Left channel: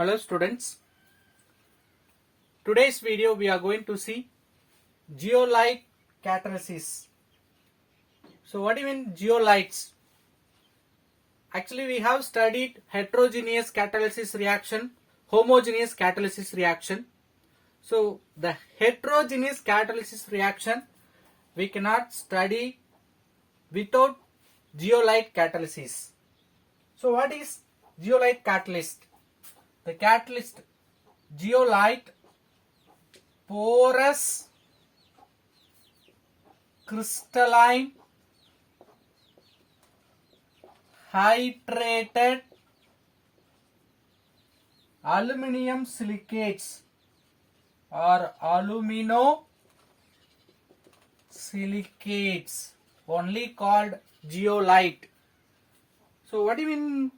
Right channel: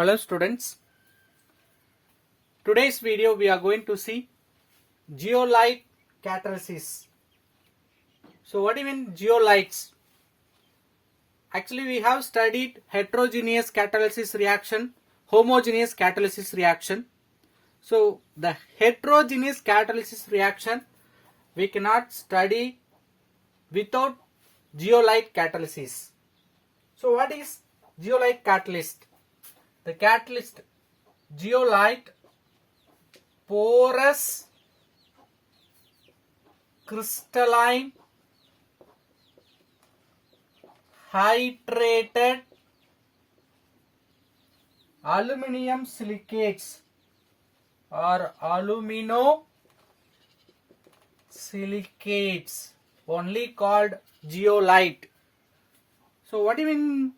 Hello students, today's video we are going to see zeolite catalysis. So what do you mean zeolites? Actually we have studied heterogeneous catalysis reaction, homogeneous catalysis reaction. So the heterogeneous catalysis reaction we cannot study without zeolite catalysis. So what is zeolite catalyst? The catalyst zeolite porous crystalline hydrated aluminum silicates or alumino silicates, only called zeolite. So what do you mean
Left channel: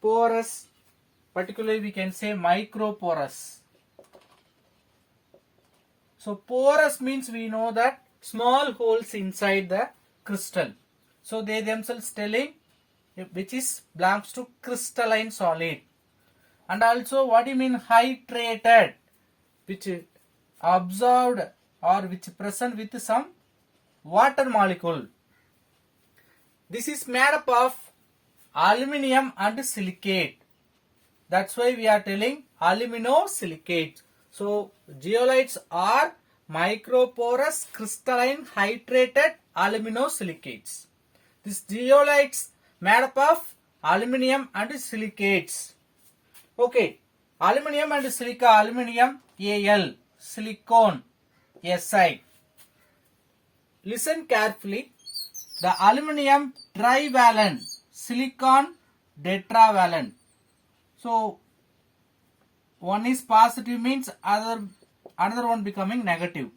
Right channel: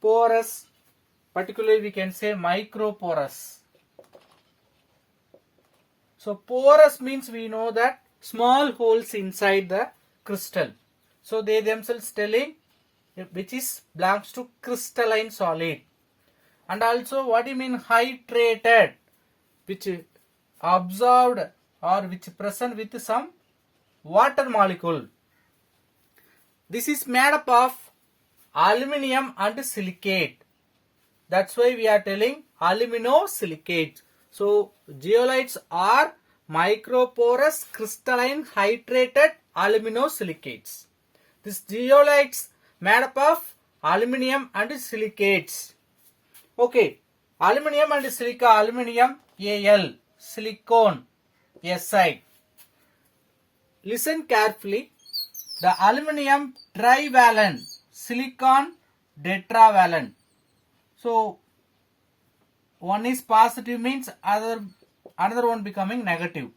porous? Particularly we can say microporous. So porous means we know that small holes inside the crystal. So they themselves telling which is belongs to crystalline solid. And also what do you mean hydrated? Which absorbed or which present with some water molecule. This is made up of aluminum and silicate. That's why we are telling aluminosilicates. So zeolites are microporous crystalline hydrated aluminosilicates. These zeolites made up of aluminum and silicates. Okay, aluminum and silica, aluminum Al, silicon Si. Listen carefully. The aluminum trivalent, silicon tetravalent. So one is positive means another one becoming negative.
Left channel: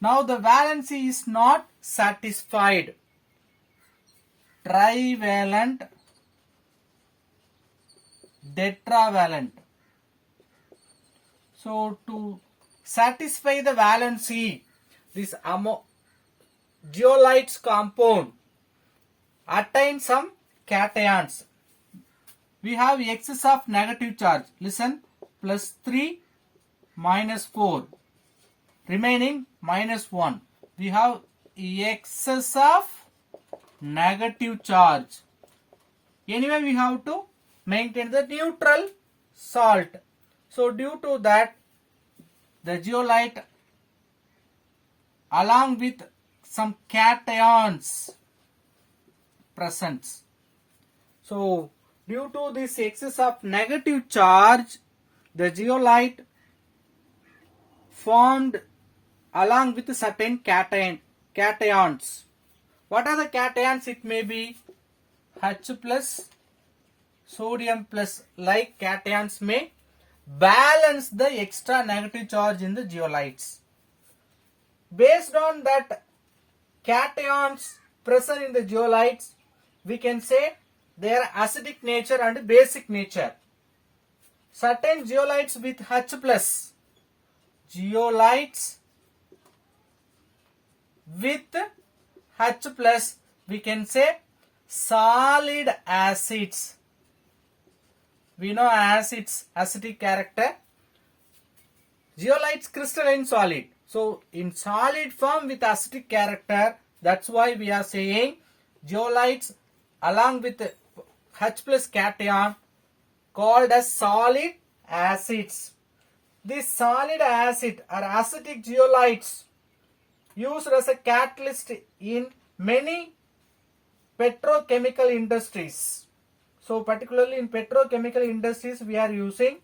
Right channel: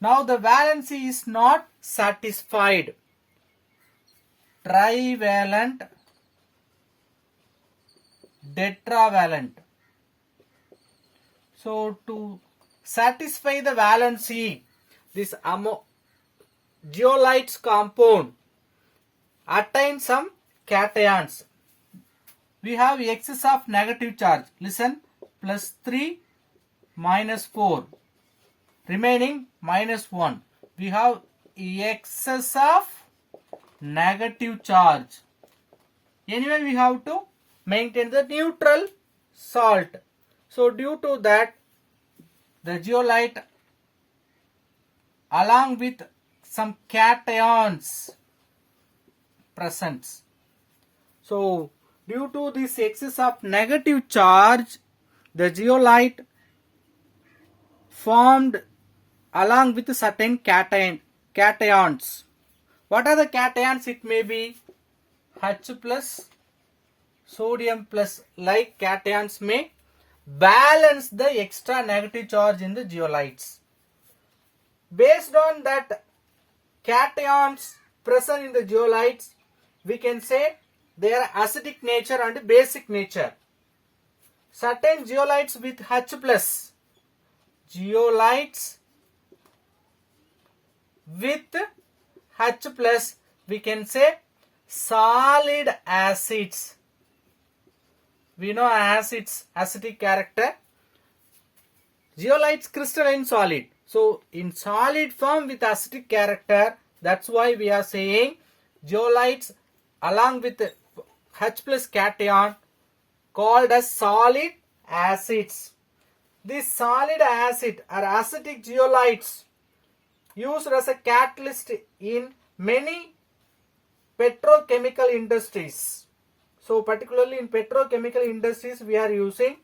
Now the valency is not satisfied. Trivalent, tetravalent. So to satisfy the valency, this zeolites compound attain some cations. We have excess of negative charge. Listen, plus 3 minus 4 remaining minus 1. We have excess of negative charge. Anyway, we have to maintain the neutral salt. So due to that, the zeolite along with some cations presents. So due to this excess of negative charge, the zeolite formed along with certain cations. What are the cations? It may be H plus, sodium plus, like cations may balance the extra negative charge in the zeolites. Based on that cations present in the zeolites, we can say their acidic nature and basic nature. Certain zeolites with H plus, zeolites with H plus, we can say solid acids. We know acids, acidic character. Zeolites crystalline solid. So in solid form with acidic character, that's why we are saying zeolites along with H plus cation called as solid acids. This solid acid or acidic zeolites used as a catalyst in many petrochemical industries. So particularly in petrochemical industries we are using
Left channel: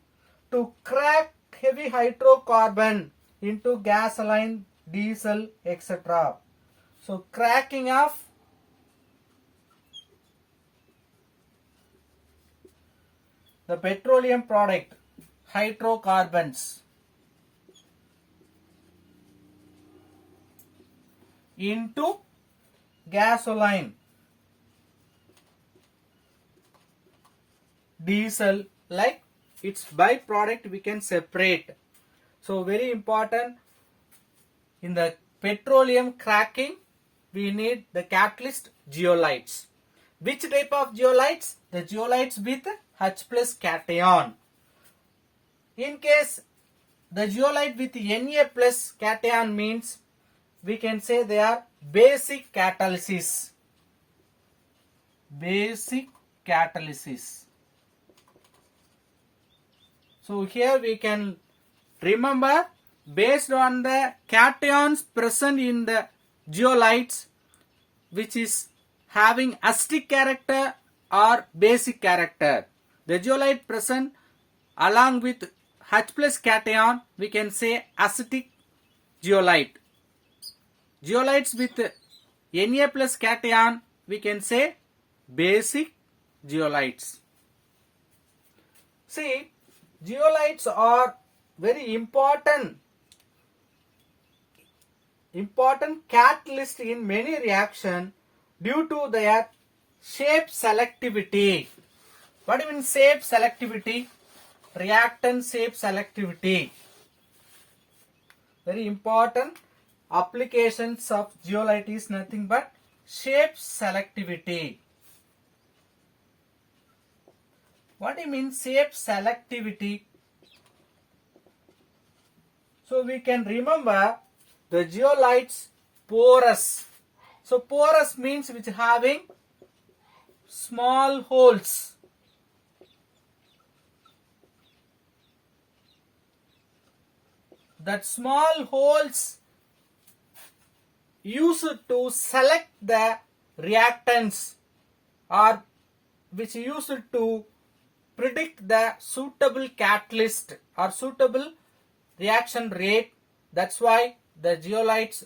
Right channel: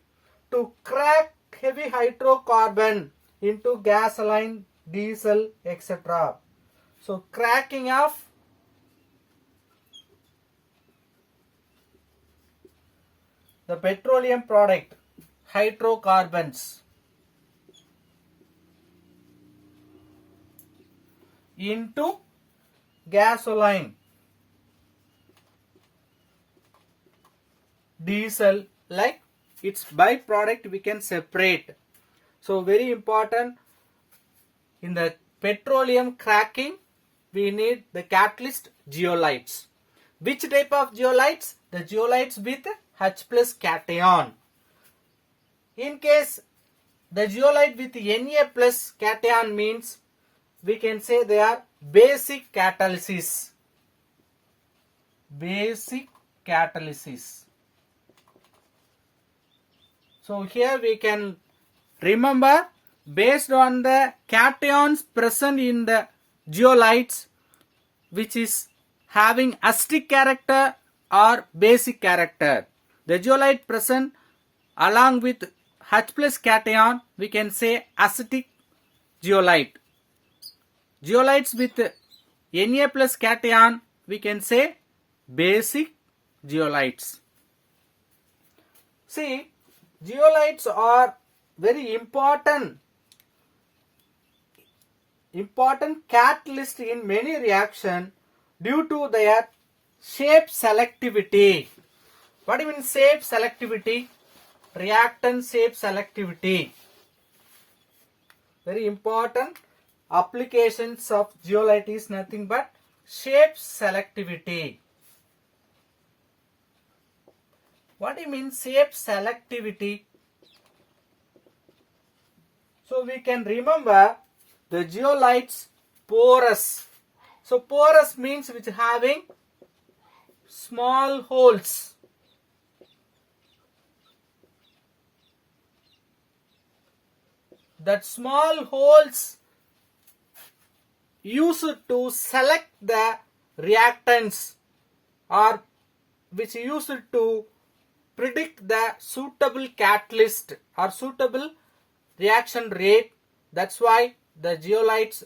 to crack heavy hydrocarbon into gasoline, diesel, etc. So cracking of the petroleum product, hydrocarbons, into gasoline, diesel, like its byproduct we can separate. So very important in the petroleum cracking we need the catalyst zeolites. Which type of zeolites? The zeolites with H plus cation. In case the zeolite with Na plus cation means we can say they are basic catalysis. Basic catalysis. So here we can remember based on the cations present in the zeolites which is having acidic character or basic character. The zeolite present along with H plus cation we can say acidic zeolite. Zeolites with Na plus cation we can say basic zeolites. See, zeolites are very important catalyst in many reactions due to their shape selectivity. What do you mean shape selectivity? Reactant shape selectivity. Very important applications of zeolite is nothing but shape selectivity. What do you mean shape selectivity? So we can remember the zeolites porous. So porous means which having small holes. That small holes used to select the reactants or which used to predict the suitable catalyst or suitable reaction rate. That's why the zeolites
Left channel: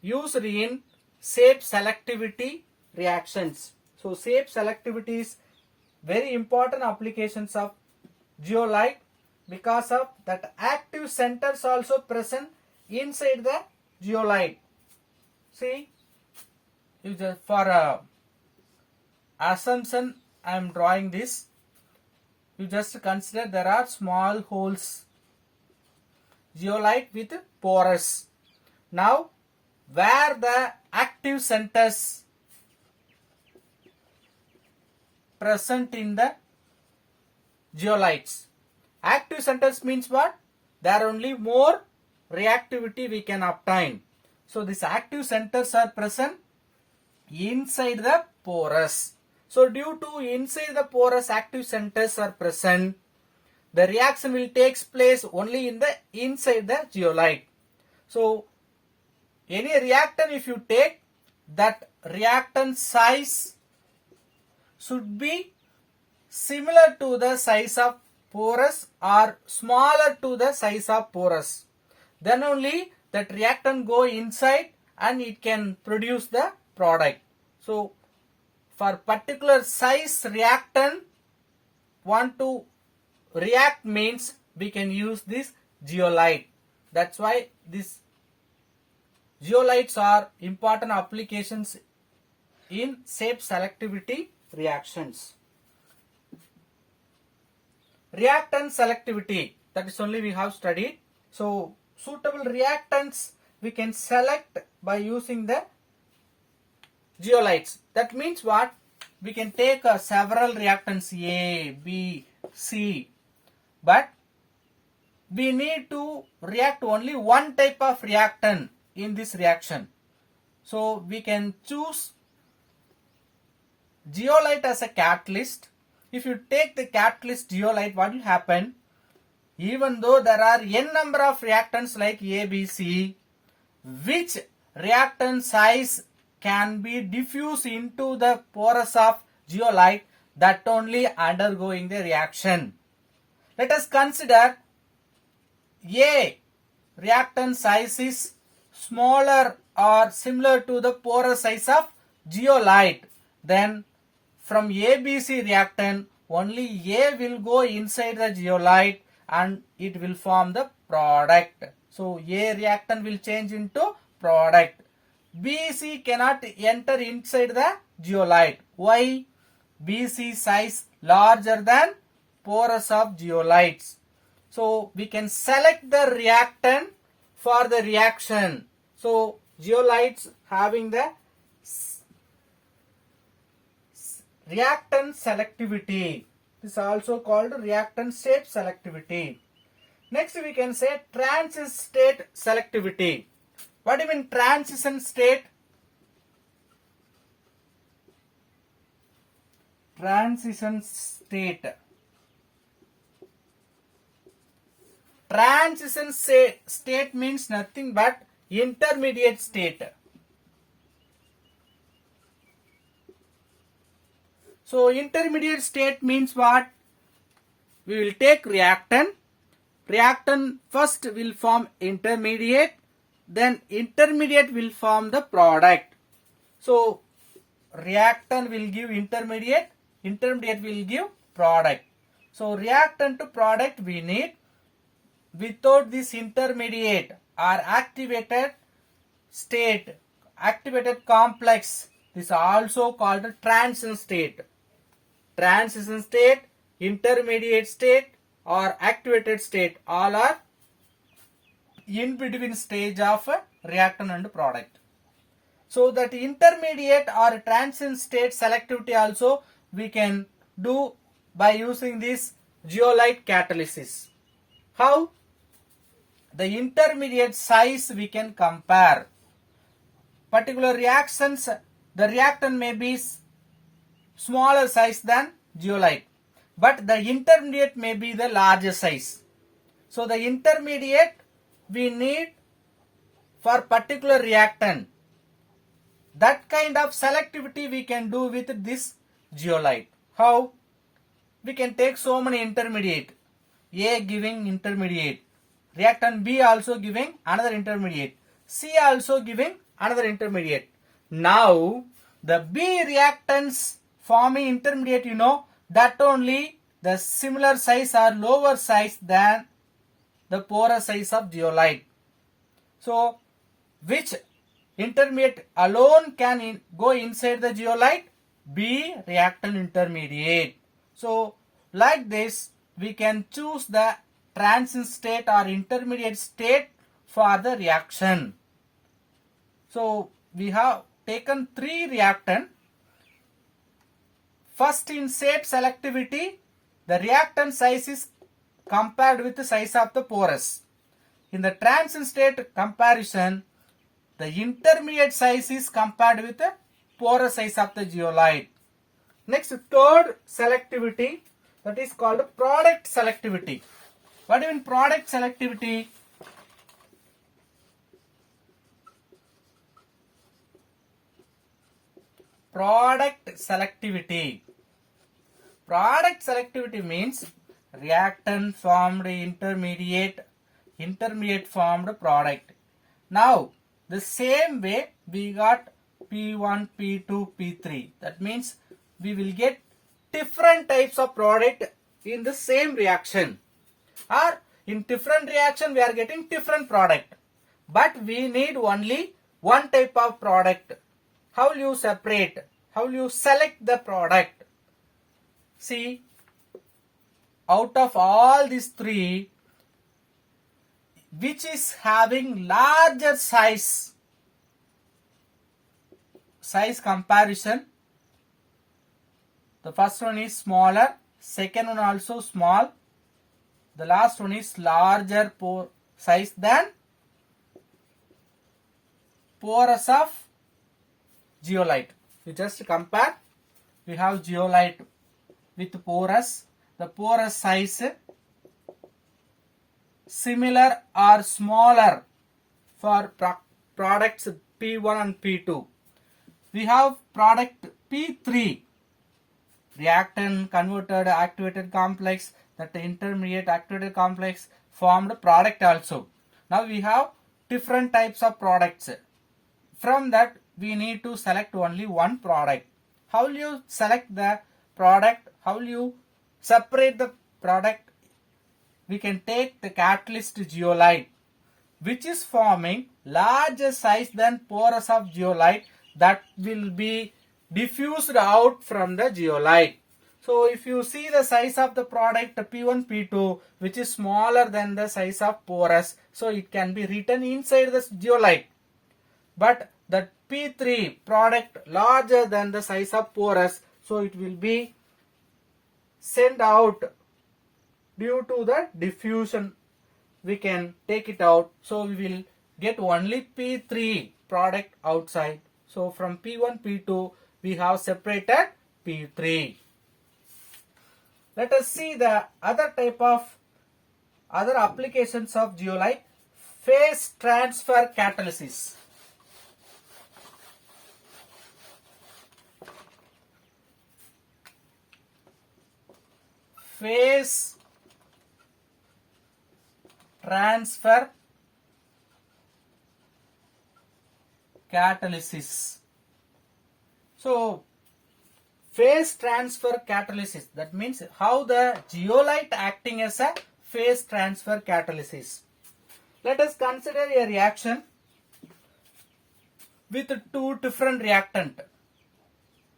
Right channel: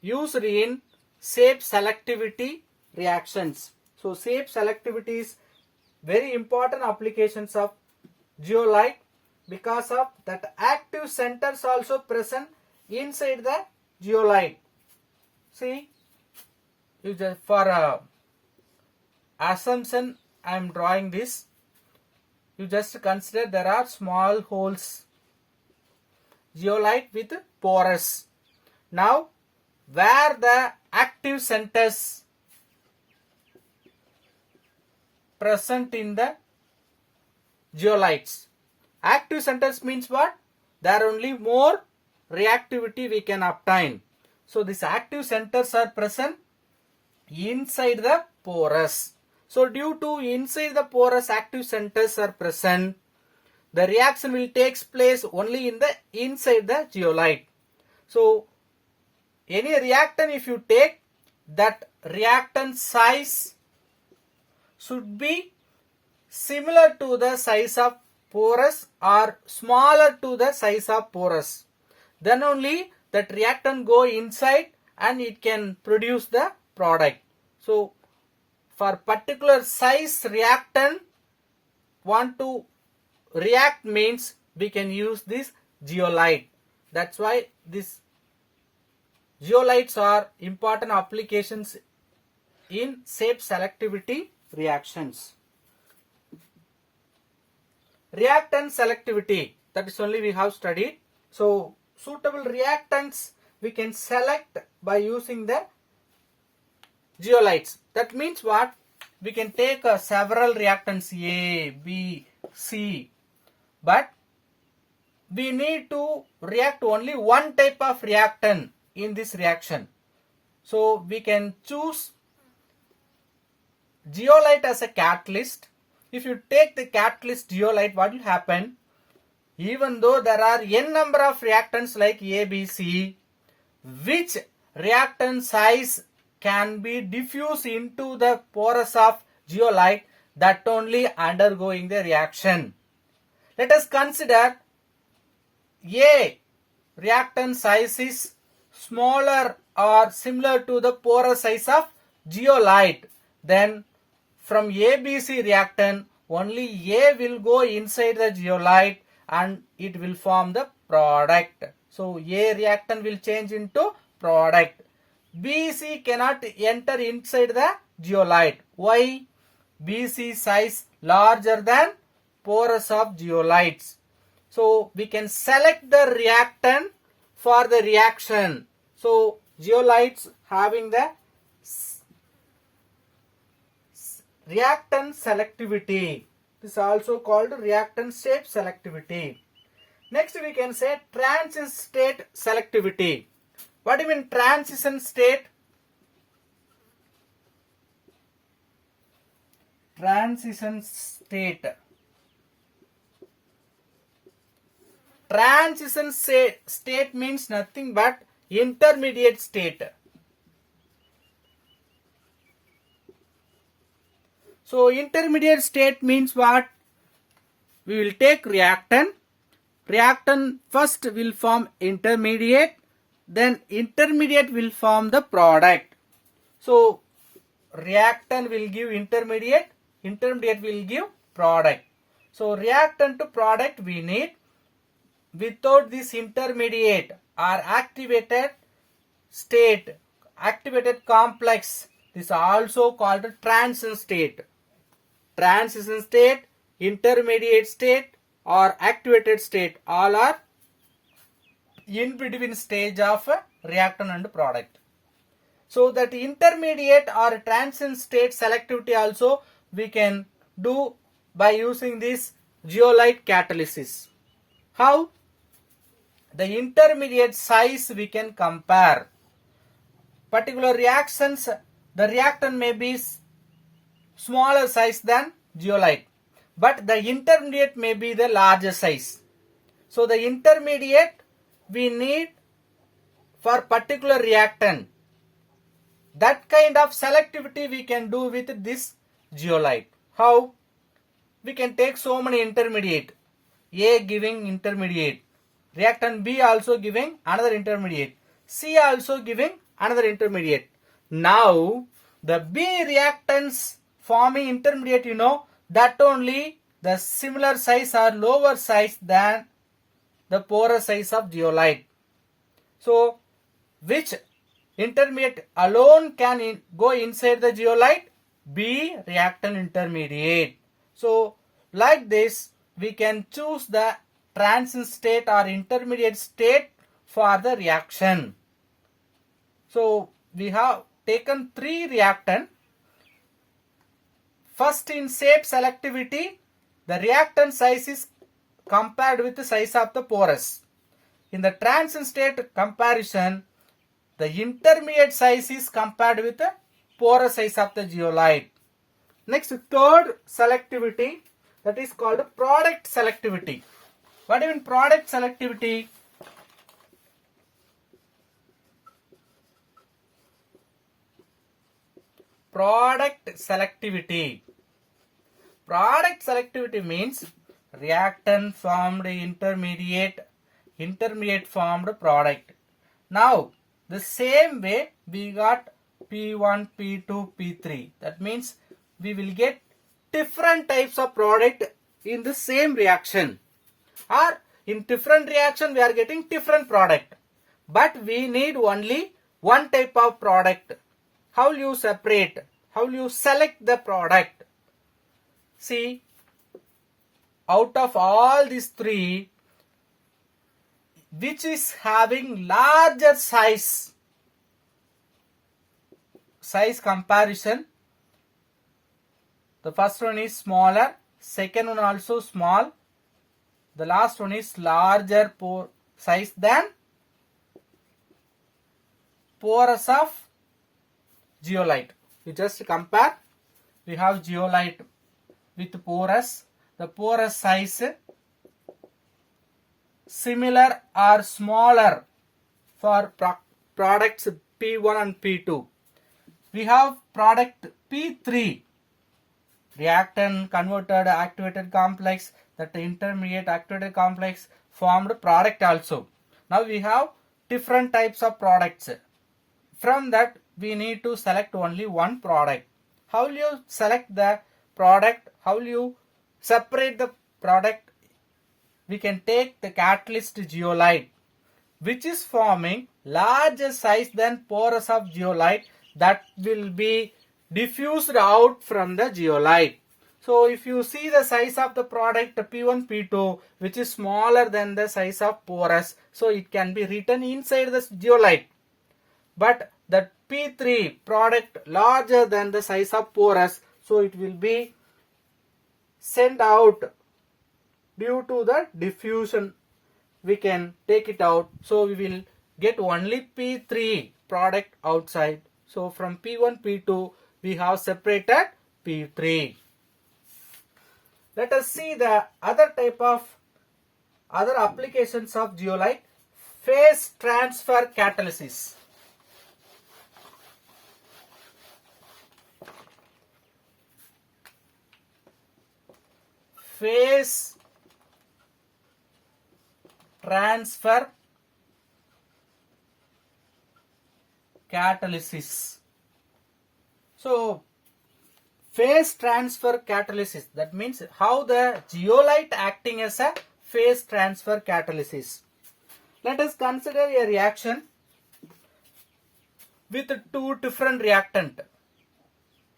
used in shape selectivity reactions. So shape selectivity is very important applications of zeolite because of that active centers also present inside the zeolite. See, for assumption I am drawing this. You just consider there are small holes. Zeolite with porous. Now, where the active centers present in the zeolites. Active centers means what? There only more reactivity we can obtain. So, these active centers are present inside the porous. So, due to inside the porous active centers are present, the reaction will take place only in the inside the zeolite. So, any reactant if you take, that reactant size should be similar to the size of porous or smaller to the size of porous. Then only that reactant go inside and it can produce the product. So, for particular size reactant want to react means we can use this zeolite. That's why these zeolites are important applications in shape selectivity reactions. Reactant selectivity, that is only we have studied. So suitable reactants we can select by using the zeolites. That means what? We can take several reactants A, B, C, but we need to react only one type of reactant in this reaction. So we can choose zeolite as a catalyst. If you take the catalyst zeolite, what will happen? Even though there are n number of reactants like A, B, C, which reactant size can be diffused into the porous of zeolite, that only undergoing the reaction. Let us consider A reactant size is smaller or similar to the porous size of zeolite. Then from ABC reactant only A will go inside the zeolite and it will form the product. So A reactant will change into product. BC cannot enter inside the zeolite. Why? BC size larger than porous of zeolites. So we can select the reactant for the reaction. So zeolites having the reactant selectivity. This is also called reactant state selectivity. Next we can say transition state selectivity. What do you mean transition state? Transition state. Transition state means nothing but intermediate state. So intermediate state means what? We will take reactant. Reactant first will form intermediate, then intermediate will form the product. So reactant will give intermediate, intermediate will give product. So reactant to product we need. Without this intermediate or activated state, activated complex, this is also called a transition state. Transition state, intermediate state or activated state, all are in between stage of reactant and product. So that intermediate or transition state selectivity also we can do by using this zeolite catalysis. How? The intermediate size we can compare. Particular reactions, the reactant may be smaller size than zeolite, but the intermediate may be the larger size. So the intermediate we need for particular reactant. That kind of selectivity we can do with this zeolite. How? We can take so many intermediate. A giving intermediate. Reactant B also giving another intermediate. C also giving another intermediate. Now the B reactants forming intermediate, you know, that only the similar size or lower size than the porous size of zeolite. So which intermediate alone can go inside the zeolite? B reactant intermediate. So like this we can choose the transition state or intermediate state for the reaction. So we have taken 3 reactant. First in state selectivity, the reactant size is compared with the size of the porous. In the transition state comparison, the intermediate size is compared with the porous size of the zeolite. Next, third selectivity, that is called product selectivity. What do you mean product selectivity? Product selectivity. Product selectivity means reactant formed intermediate, intermediate formed product. Now, the same way we got P1, P2, P3. That means we will get different types of product in the same reaction. Or in different reaction we are getting different product. But we need only one type of product. How you separate? How you select the product? See, out of all these 3, which is having larger size comparison? The first one is smaller, second one also small, the last one is larger size than porous of zeolite. You just compare. We have zeolite with porous. The porous size similar or smaller for products P1 and P2. We have product P3. Reactant converted activated complex, that intermediate activated complex formed product also. Now we have different types of products. From that we need to select only one product. How will you select the product? How will you separate the product? We can take the catalyst zeolite, which is forming larger size than porous of zeolite, that will be diffused out from the zeolite. So if you see the size of the product P1, P2, which is smaller than the size of porous, so it can be written inside the zeolite. But the P3 product larger than the size of porous, so it will be send out due to the diffusion. We can take it out. So we will get only P3 product outside. So from P1, P2 we have separated P3. Let us see the other type of other applications of zeolite. Phase transfer catalysis. Phase transfer catalysis. So phase transfer catalysis, that means how the zeolite acting as a phase transfer catalysis. Let us consider a reaction with two different reactant.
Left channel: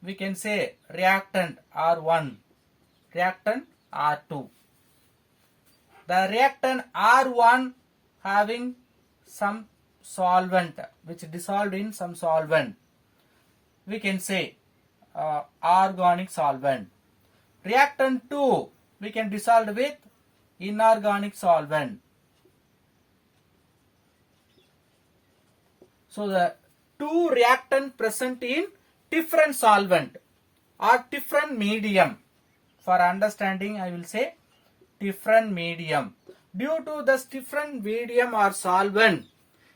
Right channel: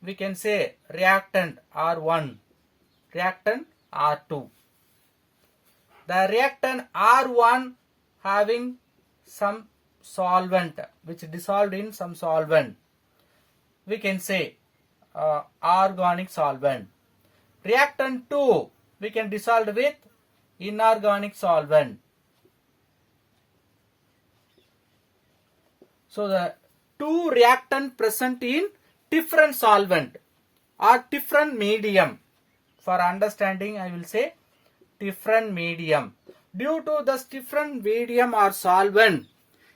We can say reactant R1, reactant R2. The reactant R1 having some solvent which dissolved in some solvent. We can say organic solvent. Reactant 2 we can dissolve with inorganic solvent. So the two reactant present in different solvent or different medium. For understanding I will say different medium. Due to this different medium or solvent,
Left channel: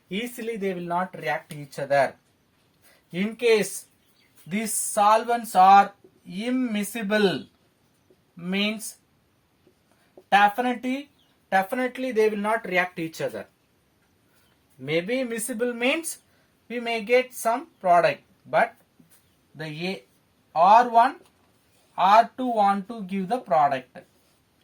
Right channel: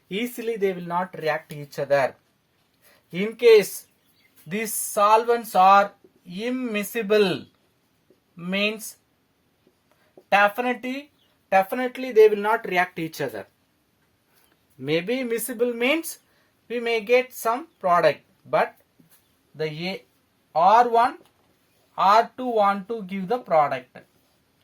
easily they will not react each other. In case these solvents are immiscible, means definitely they will not react each other. Maybe miscible means we may get some product, but the R1, R2 want to give the product.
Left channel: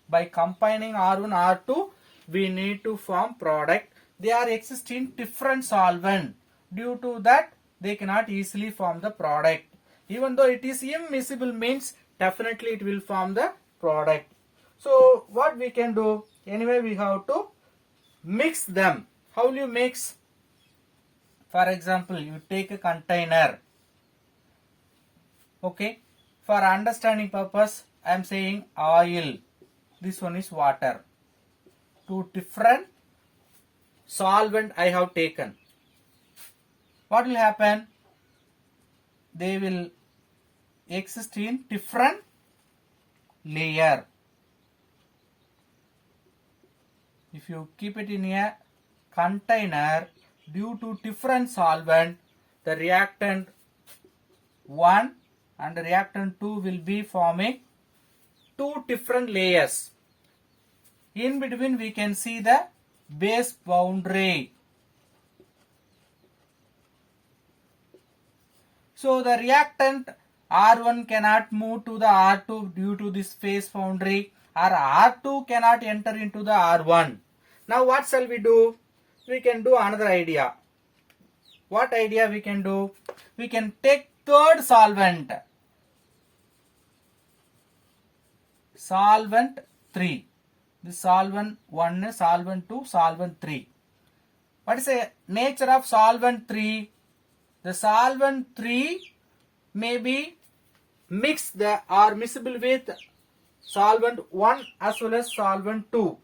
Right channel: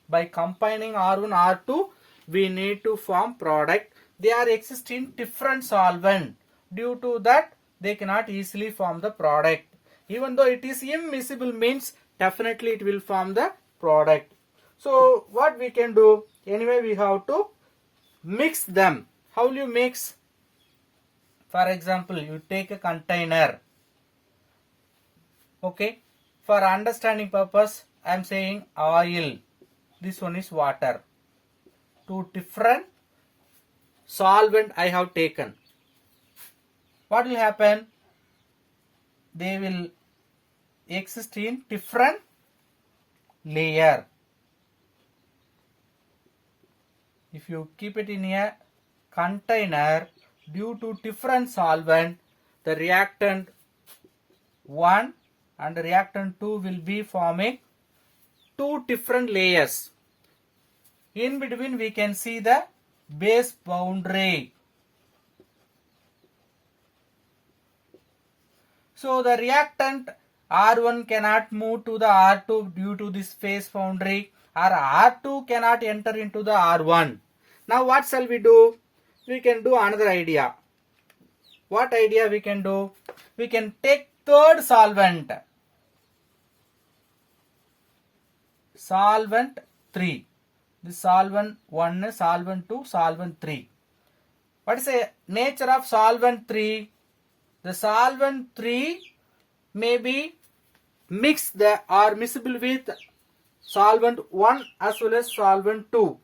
By combining R1, R2, we need to form product. They are existing different solvent. Due to that, they cannot easily form the product. Even though it is immiscible means definitely it will form the product. So what we can do? Anyway, we have to mix them. How will you mix? For example, you take a container. Okay. For understanding purpose, I am saying oil. This one is water. Two different solvent I have taken. What will happen? They will exist in different layer. If you keep it in a container, due to different solvent, the reactant 1 and reactant 2 will be forming two different layers. In between we can see the base boundary. So the reactant R1 cannot move to the R2 due to this phase boundary, or R2 cannot enter into the R1. Now what shall we do? We can do another idea. What idea we can do? We can take third solvent. Solvent 3. This solvent 1, solvent 2, solvent 3. What is the nature of solvent 3? The solvent 3 may be mixed or miscible with solvent 1 as well as solvent 2.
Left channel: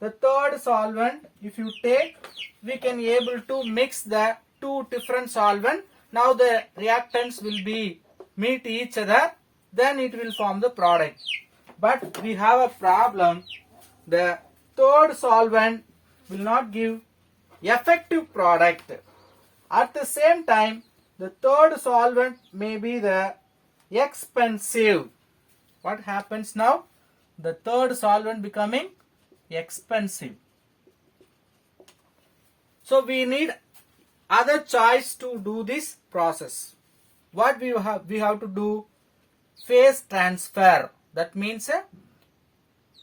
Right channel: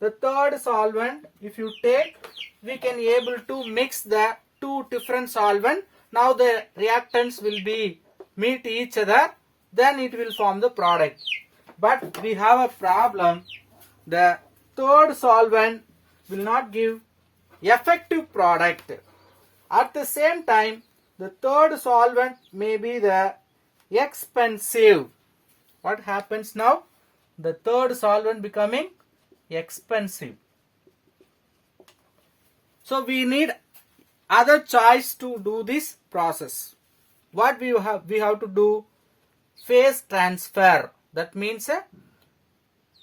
The third solvent, if you take, we can able to mix the two different solvent. Now the reactants will be meet each other, then it will form the product. But we have a problem. The third solvent will not give effective product. At the same time, the third solvent may be the expensive. What happens now? The third solvent becoming expensive. So we need other choice to do this process. What we have to do? Phase transfer. That means a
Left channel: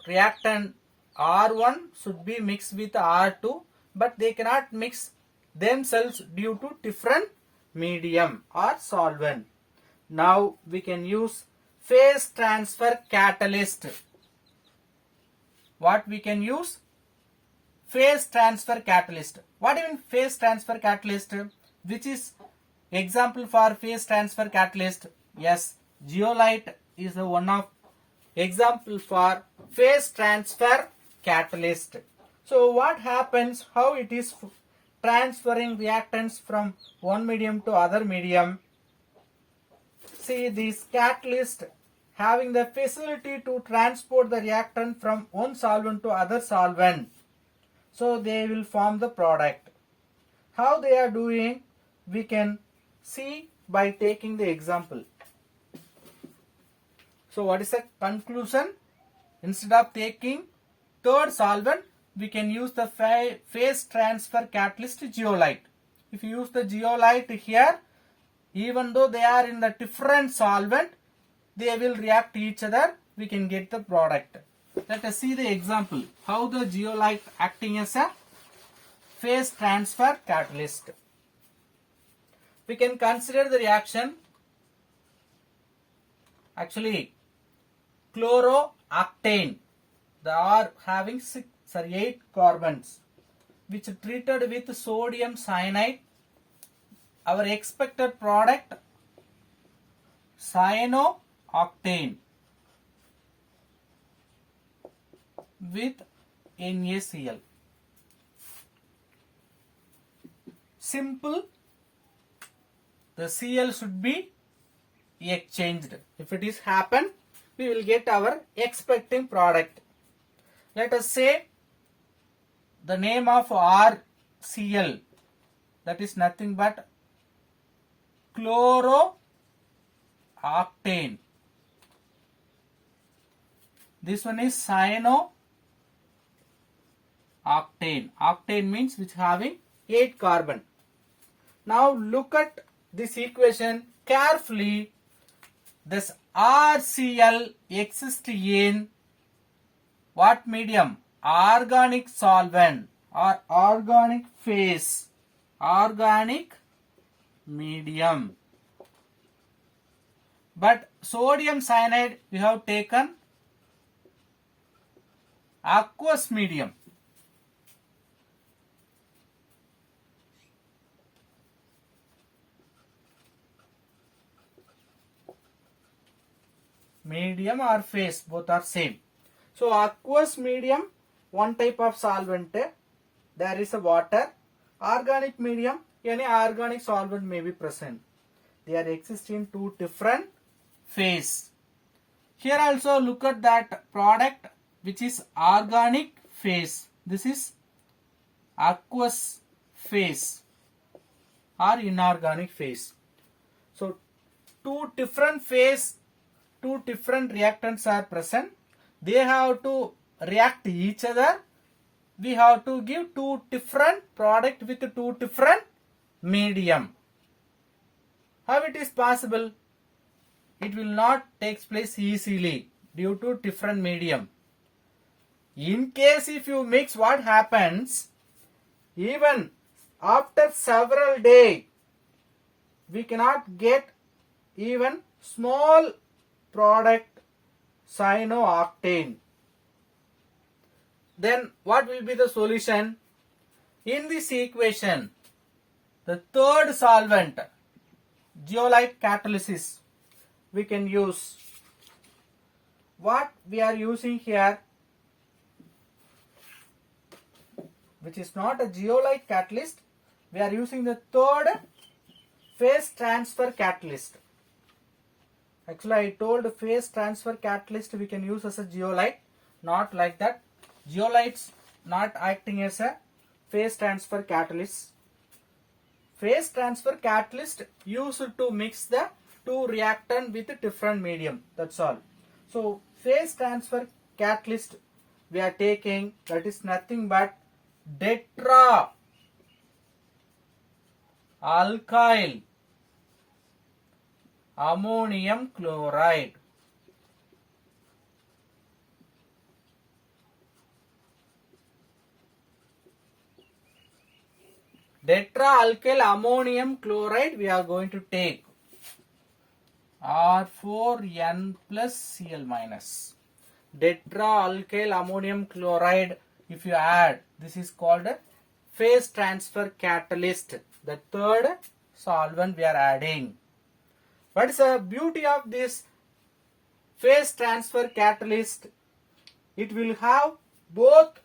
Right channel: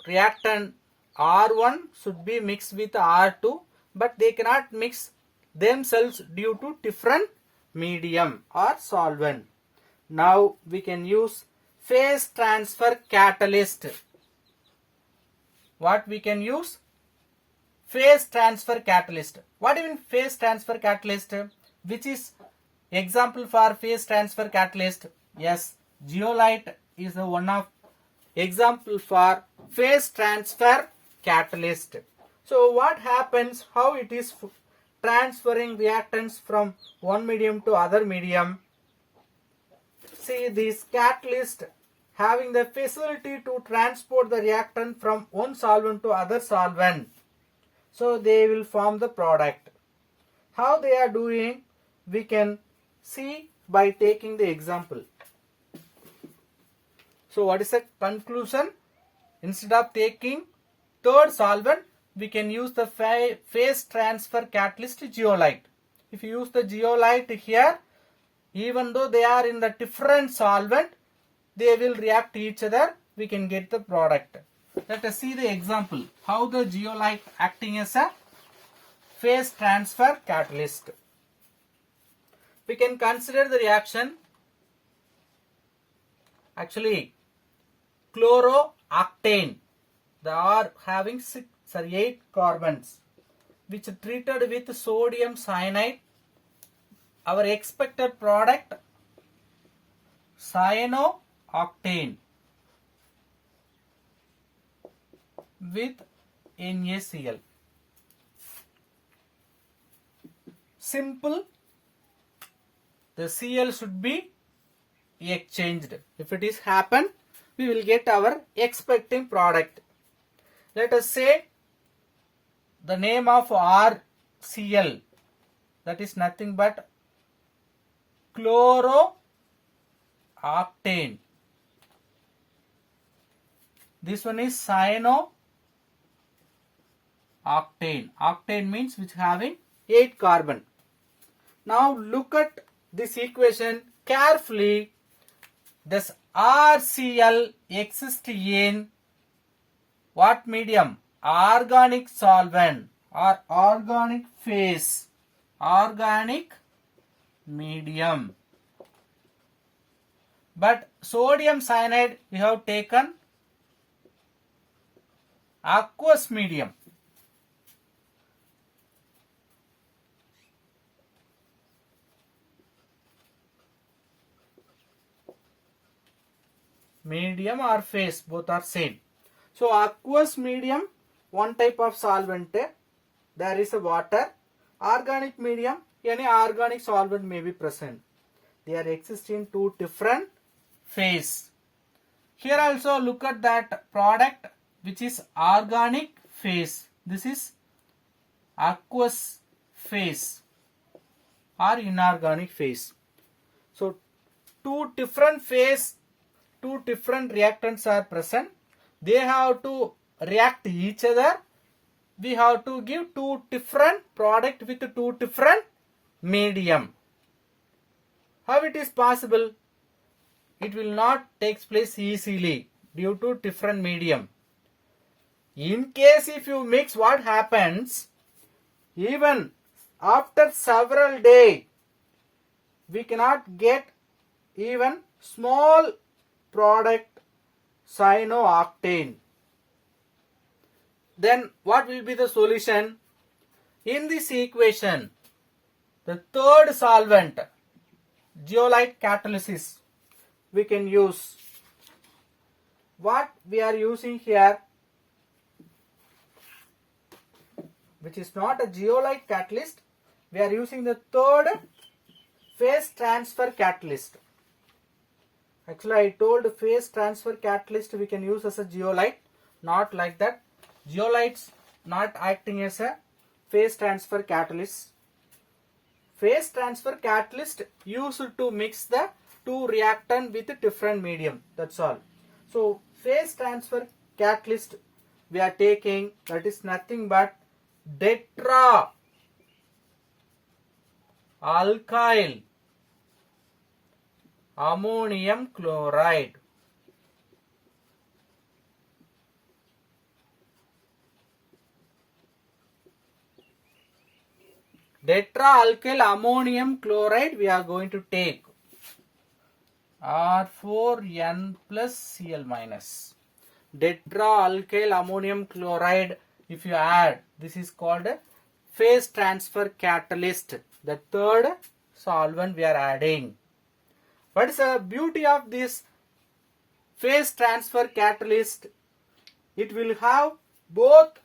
reactant R1 should be mixed with R2, but they cannot mix themselves due to different medium or solvent. Now we can use phase transfer catalyst. What we can use? Phase transfer catalyst. What even phase transfer catalyst? Which is example for phase transfer catalyst? Yes, zeolite is the one of example for phase transfer catalyst. So what happens, how it is transferring reactants from one medium to other medium? See, this catalyst having the facility to transport the reactant from one solvent to other solvent. So they will form the product. How they are doing, we can see by taking the example. So what is the conclusion? Instead of taking third solvent, we can use the phase transfer catalyst zeolite. If you use the zeolite here, even though they are in the different solvent, they will react each other. We can get the product. Let us see the example. How the zeolite acting as a phase transfer catalyst. We can consider the reaction. Actually, chlorooctane. They are having 8 carbons, which treated with sodium cyanide. Our expected product, cyanooctane with NaCl. Simple. The Cl should be exchanged. If it is happen, we will get our expecting product. Let us say the name of RCl, that is nothing but chlorooctane. This one is cyanooctane. Octane means which having 8 carbon. Now look at this equation carefully. This RCl exists in what medium? Organic solvent or organic phase. Organic medium. But sodium cyanide we have taken aqueous medium. Medium or phase, both are same. So aqueous medium, one type of solvent, there is a water. Organic medium, any organic solvent may be present. They are existing two different phase. Here also look at that product which is organic phase. This is aqueous phase or inorganic phase. So two different phase, two different reactants are present. They have to react each other. We have to give two different product with two different medium. How it is possible? It will not take place easily due to different medium. In case if you mix, what happens? Even after several days, we cannot get even small product cyanooctane. Then what will be the solution? In this equation, the third solvent, zeolite catalysis, we can use. What we are using here, which is not a zeolite catalyst, we are using the third phase transfer catalyst. Actually, I told phase transfer catalyst we can use as a zeolite, not like that. Zeolites not acting as a phase transfer catalyst. Phase transfer catalyst used to mix the two reactant with different medium. That's all. So phase transfer catalyst we are taking, that is nothing but tetra alkyl ammonium chloride. Tetraalkyl ammonium chloride we are going to take. R4N plus Cl minus. Tetraalkyl ammonium chloride, if you add, this is called a phase transfer catalyst. The third solvent we are adding. What is the beauty of this phase transfer catalyst, it will have both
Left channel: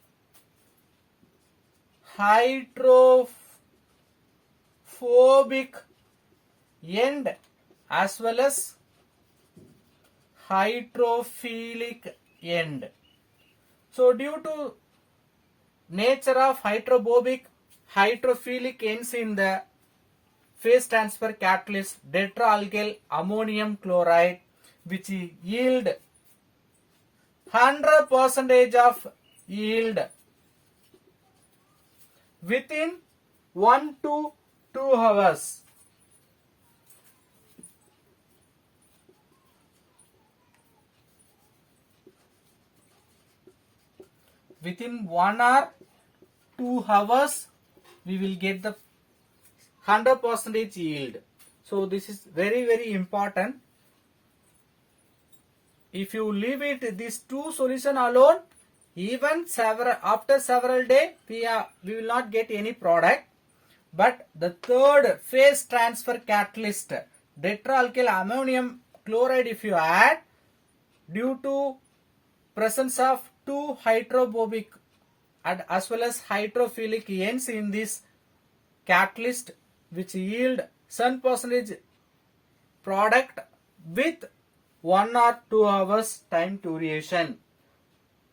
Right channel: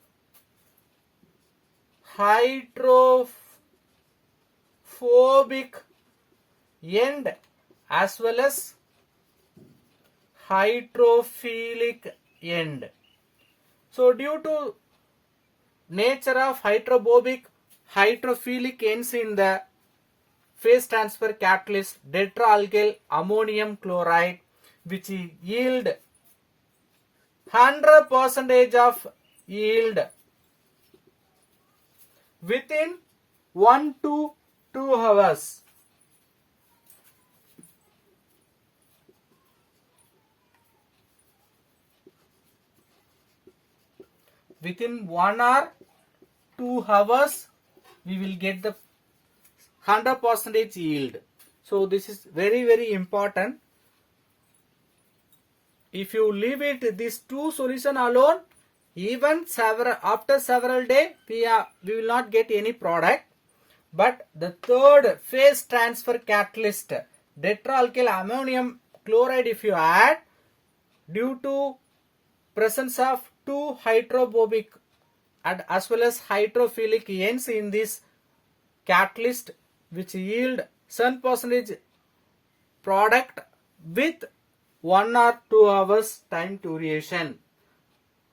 hydrophobic end as well as hydrophilic end. So due to nature of hydrophobic ends in the phase transfer catalyst tetraalkyl ammonium chloride, which yield 100% of yield within 1 to 2 hours. Within 1 or 2 hours, we will get the 100% yield. So this is very, very important. If you leave it these two solution alone, even after several days, we will not get any product. But the third phase transfer catalyst, tetraalkyl ammonium chloride, if you add, due to presence of two hydrophobic and as well as hydrophilic ends in this catalyst, which yield 7% product with 1 or 2 hours time duration.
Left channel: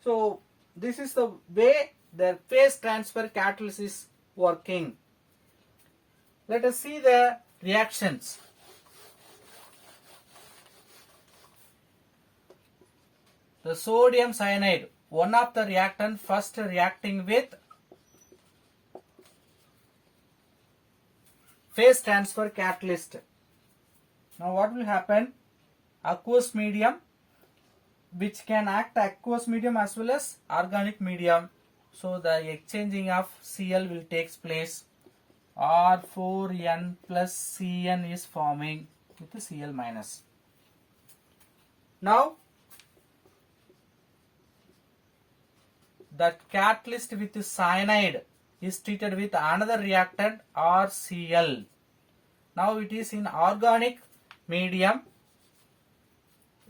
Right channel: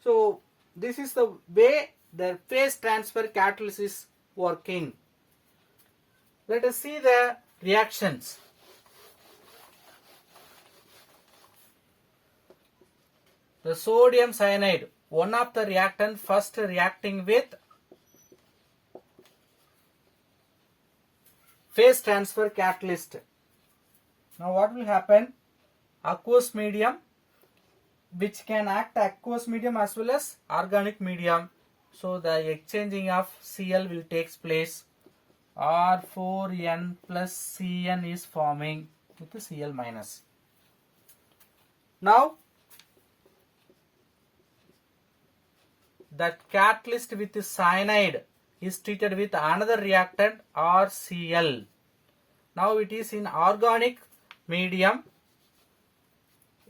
So this is the way the phase transfer catalyst is working. Let us see the reactions. The sodium cyanide, one of the reactant first reacting with phase transfer catalyst. Now what will happen? Aqueous medium, which can act aqueous medium as well as organic medium. So the exchanging of Cl will take place. R4N plus Cn is forming with the Cl minus. Now that catalyst with cyanide is treated with another reactant RCl. Now it is in organic medium.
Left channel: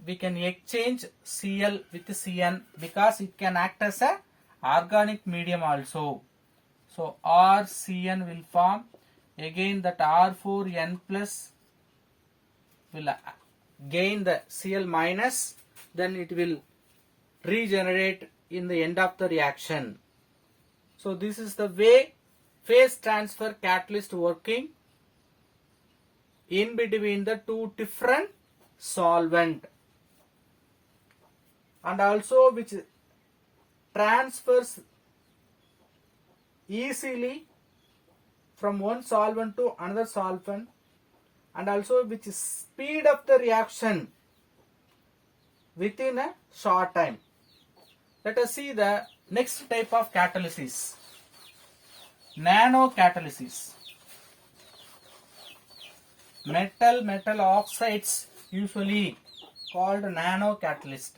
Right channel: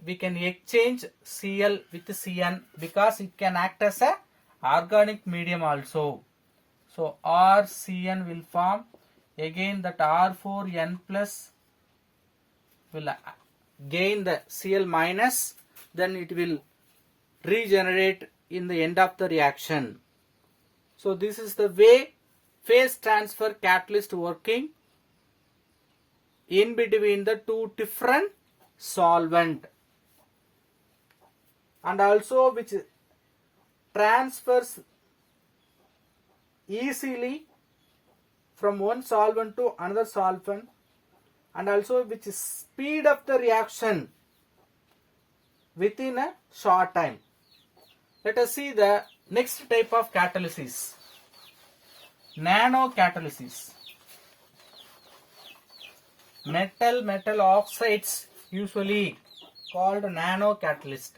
We can exchange Cl with Cn because it can act as a organic medium also. So RCn will form. Again that R4N plus will gain the Cl minus. Then it will regenerate in the end of the reaction. So this is the way phase transfer catalyst working in between the two different solvent, and also which transfers easily from one solvent to another solvent, and also which speed up the reaction within a short time. Let us see the next type of catalysis, nanocatalysis. Metal oxides usually called nanocatalyst.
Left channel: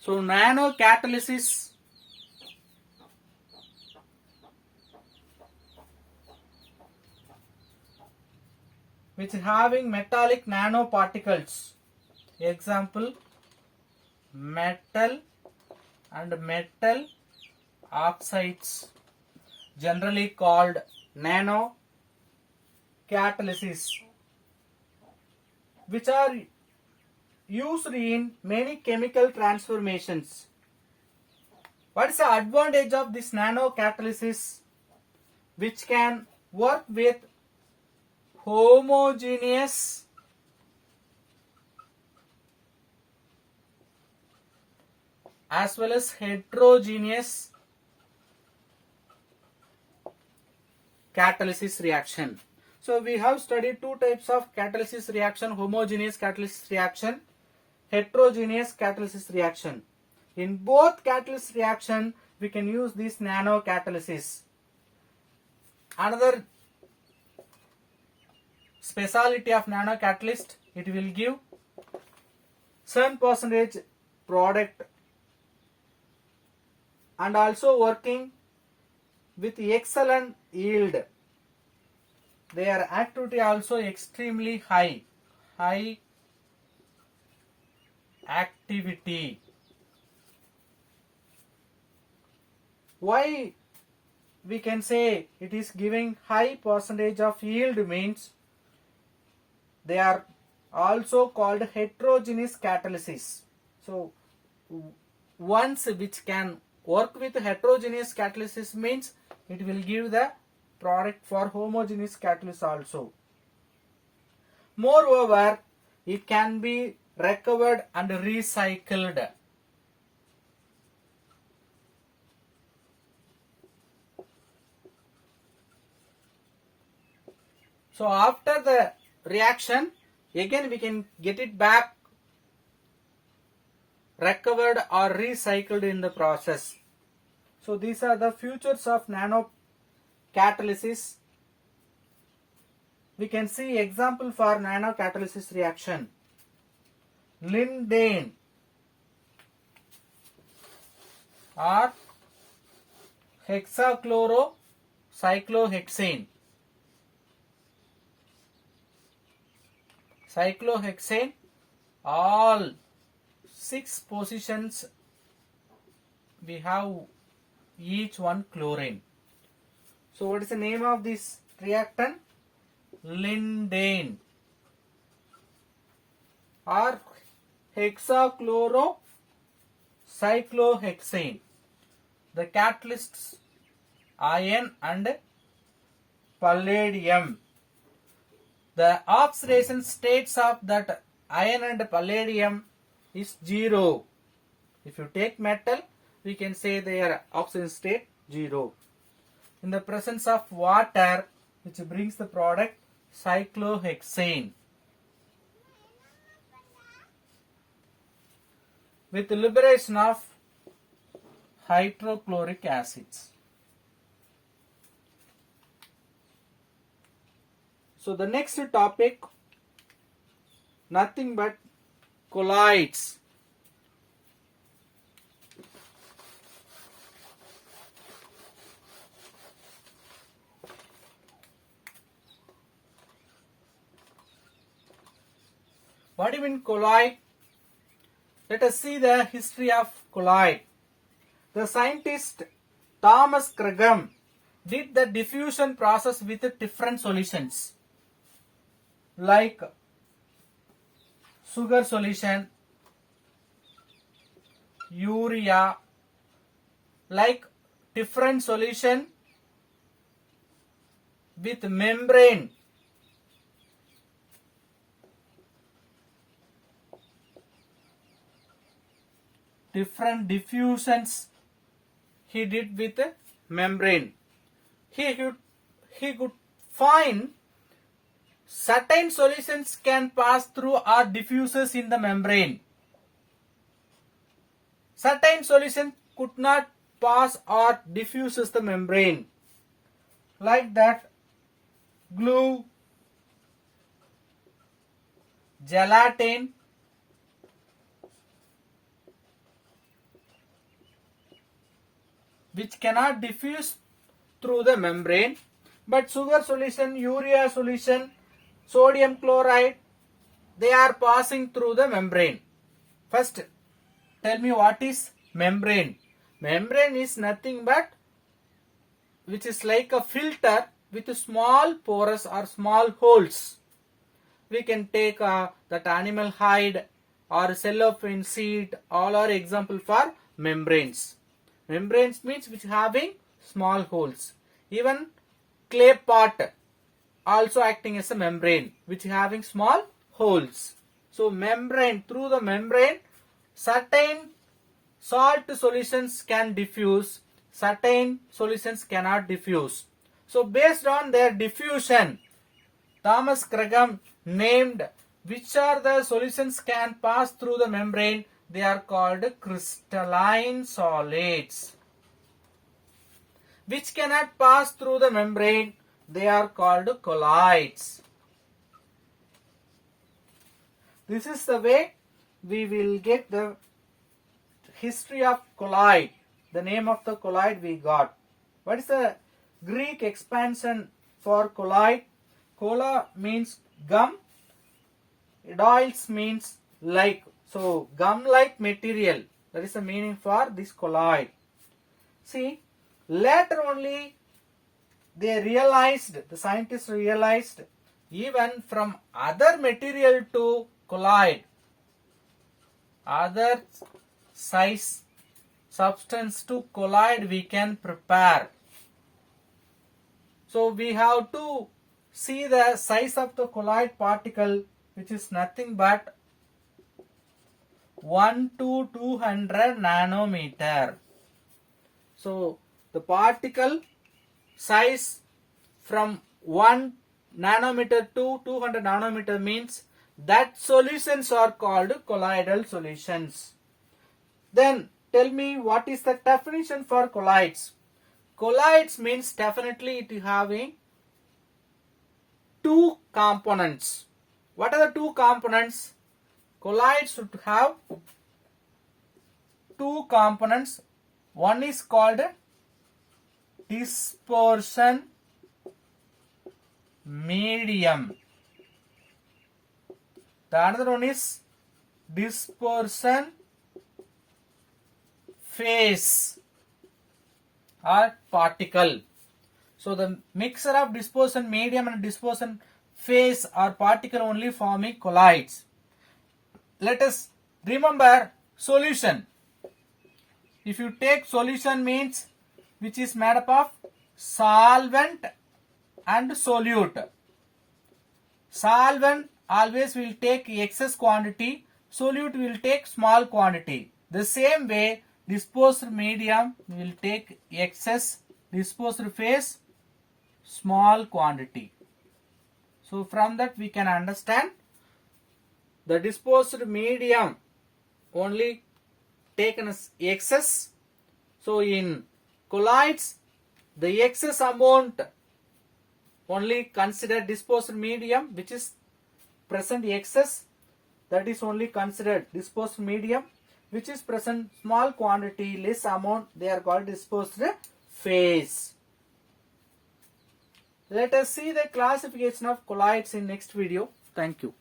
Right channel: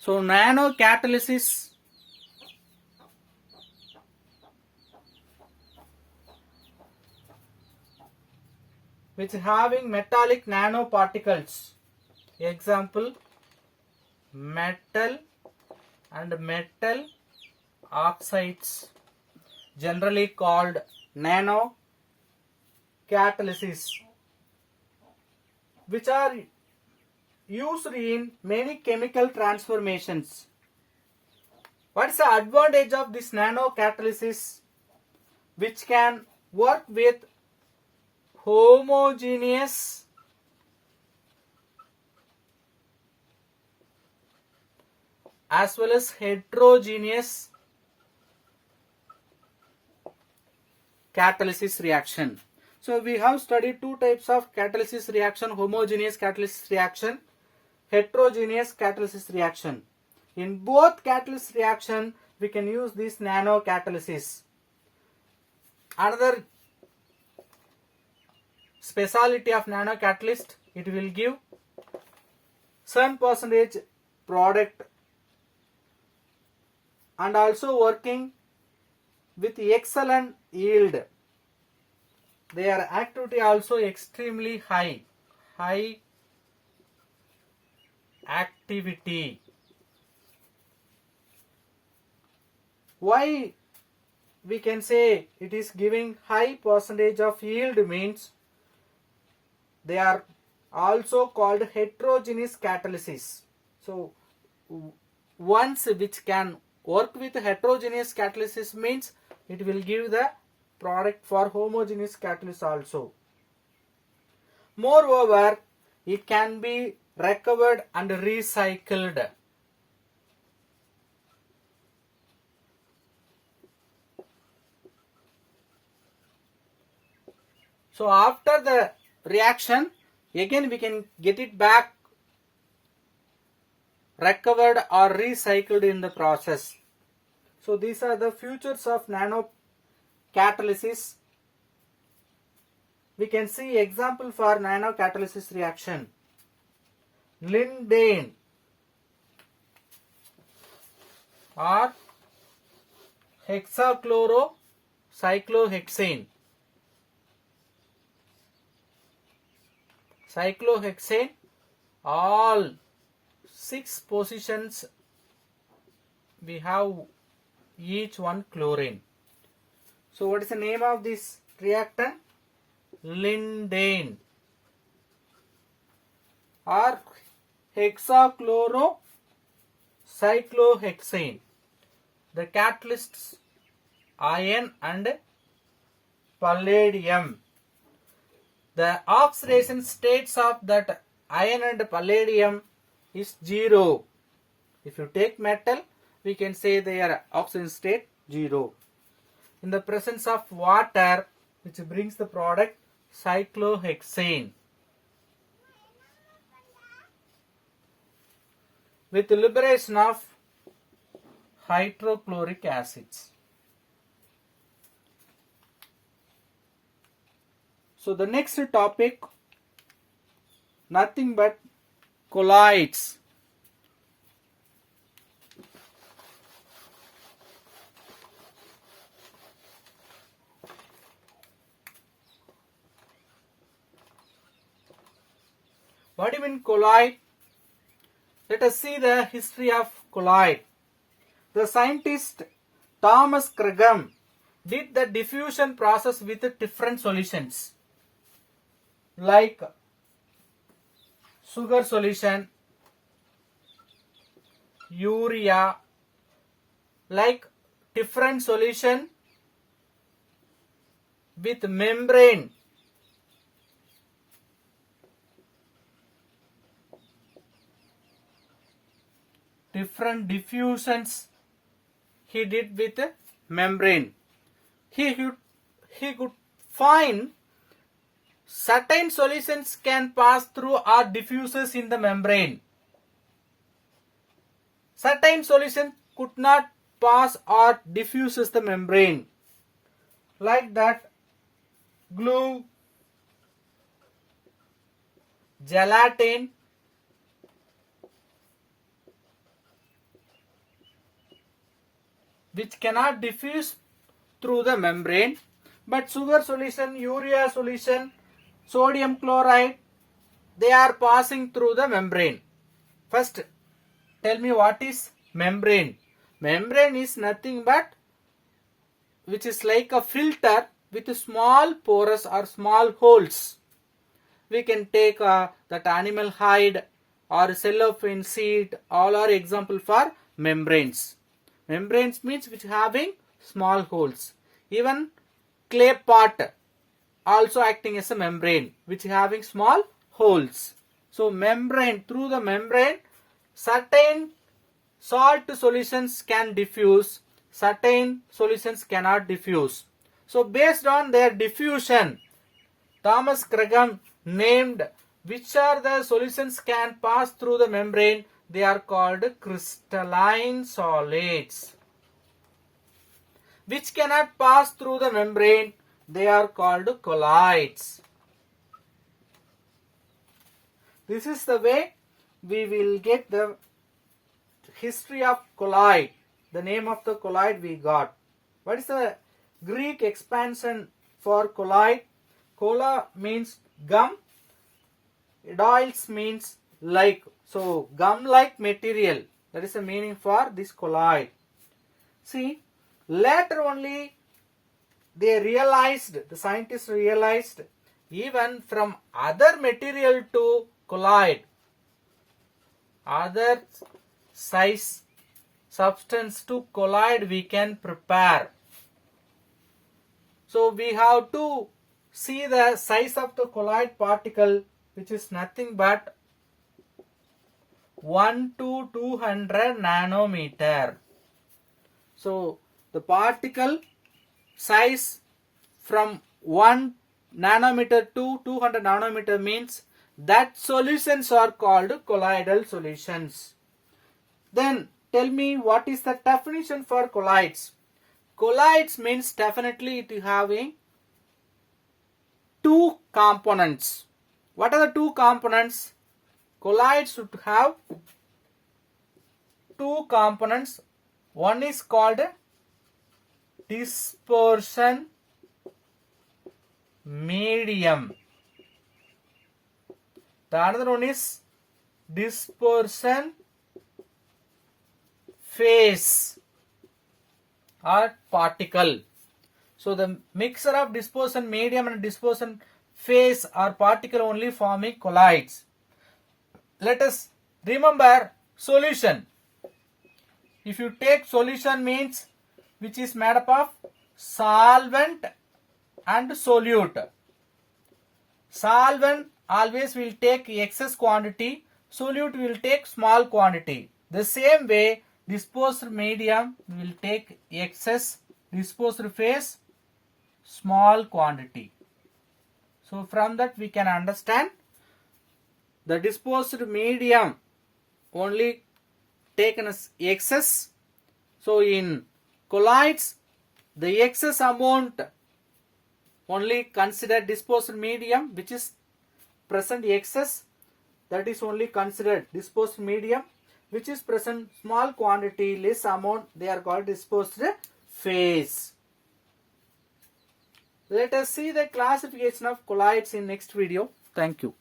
So nanocatalysis which having metallic nanoparticles, example metal and metal oxides, generally called nanocatalysis, which are used in many chemical transformations. What is the advantage of this nanocatalysis? Which can work with homogeneous as well as heterogeneous catalysis reaction. So we have studied two types of catalysis reaction: homogeneous catalysis reaction, heterogeneous catalysis reaction. In both catalysis reaction, we can use this nanocatalysis. Another speciality of nanocatalyst, it will give 7% product and also working with excellent yield. their activity also extremely high. High activity. Why we can say it is giving high percentage of yield means they are also called heterogeneous catalysis. So ones which can work with heterogeneous catalysis means it will give the product for homogeneous catalysis also. Moreover, it can be recovered and recycled. So after the reaction, again we can get it back recovered or recycled in the process. So these are the features of nano catalysis. We can see example for nano catalysis reaction. Lindane or hexachlorocyclohexane. Cyclohexane, all 6 positions we have each one chlorine. So what is the name of this reactant? Lindane or hexachlorocyclohexane. The catalysts iron and palladium. The oxidation states of that iron and palladium is 0. If you take metal, we can say their oxidation state 0. In the presence of water, which brings the product cyclohexane. With the liberation of hydrochloric acids. So the next topic, nothing but colloids. What do you mean colloid? Let us see the history of colloid. The scientist Thomas Cregum did the diffusion process with different solutions like sugar solution, urea, like different solution with membrane. Different diffusions he did with membrane. He could find certain solutions can pass through or diffuses in the membrane. Certain solution could not pass or diffuses the membrane. Like that, glue, gelatin, which cannot diffuse through the membrane, but sugar solution, urea solution, sodium chloride, they are passing through the membrane. First, tell me what is membrane. Membrane is nothing but which is like a filter with small pores or small holes. We can take that animal hide or cellophane seed, all are example for membranes. Membranes means which having small holes. Even clay pot also acting as a membrane which having small holes. So membrane, through the membrane, certain salt solutions can diffuse, certain solutions cannot diffuse. So based on their diffusion, Thomas Cregum named which are the solutions can pass through the membrane. They are called crystalline solids. Which cannot pass through the membrane, they are called colloids. This is the way we will get the history of colloid. The name of the colloid we got. What is the Greek expansion for colloid? Cola means gum. Adoils means like. So gum-like material. That is the meaning for this colloid. See, later only they realized, the scientists realized, even from other material to colloid, other size substance to colloid we can prepare. So we have to see the size of the colloid particle, which is nothing but 1 to 200 nanometer. So the particle size from 1 nanometer to 200 nanometer means that solutions are called colloidal solutions. Then tell me, what is the definition for colloids? Colloids means definitely it having two components. What are the two components? Colloids should have two components. One is called dispersion medium. The another one is dispersion phase or particle. So the mixture of dispersion medium and dispersion phase or particle only forming colloids. Let us remember solution. If you take solution means which is made up of solvent and solute. Solvent always will take excess quantity, solute will take small quantity. The same way disposed medium will take excess, disposed phase small quantity. So from that we can understand the disposed medium only taken as excess. So in colloids the excess amount only consider disposed medium which is present excess, that is only considered disposed medium, which is present small quantity less amount, they are called disposed phase. Let us see the classification of colloids in next video. Thank you.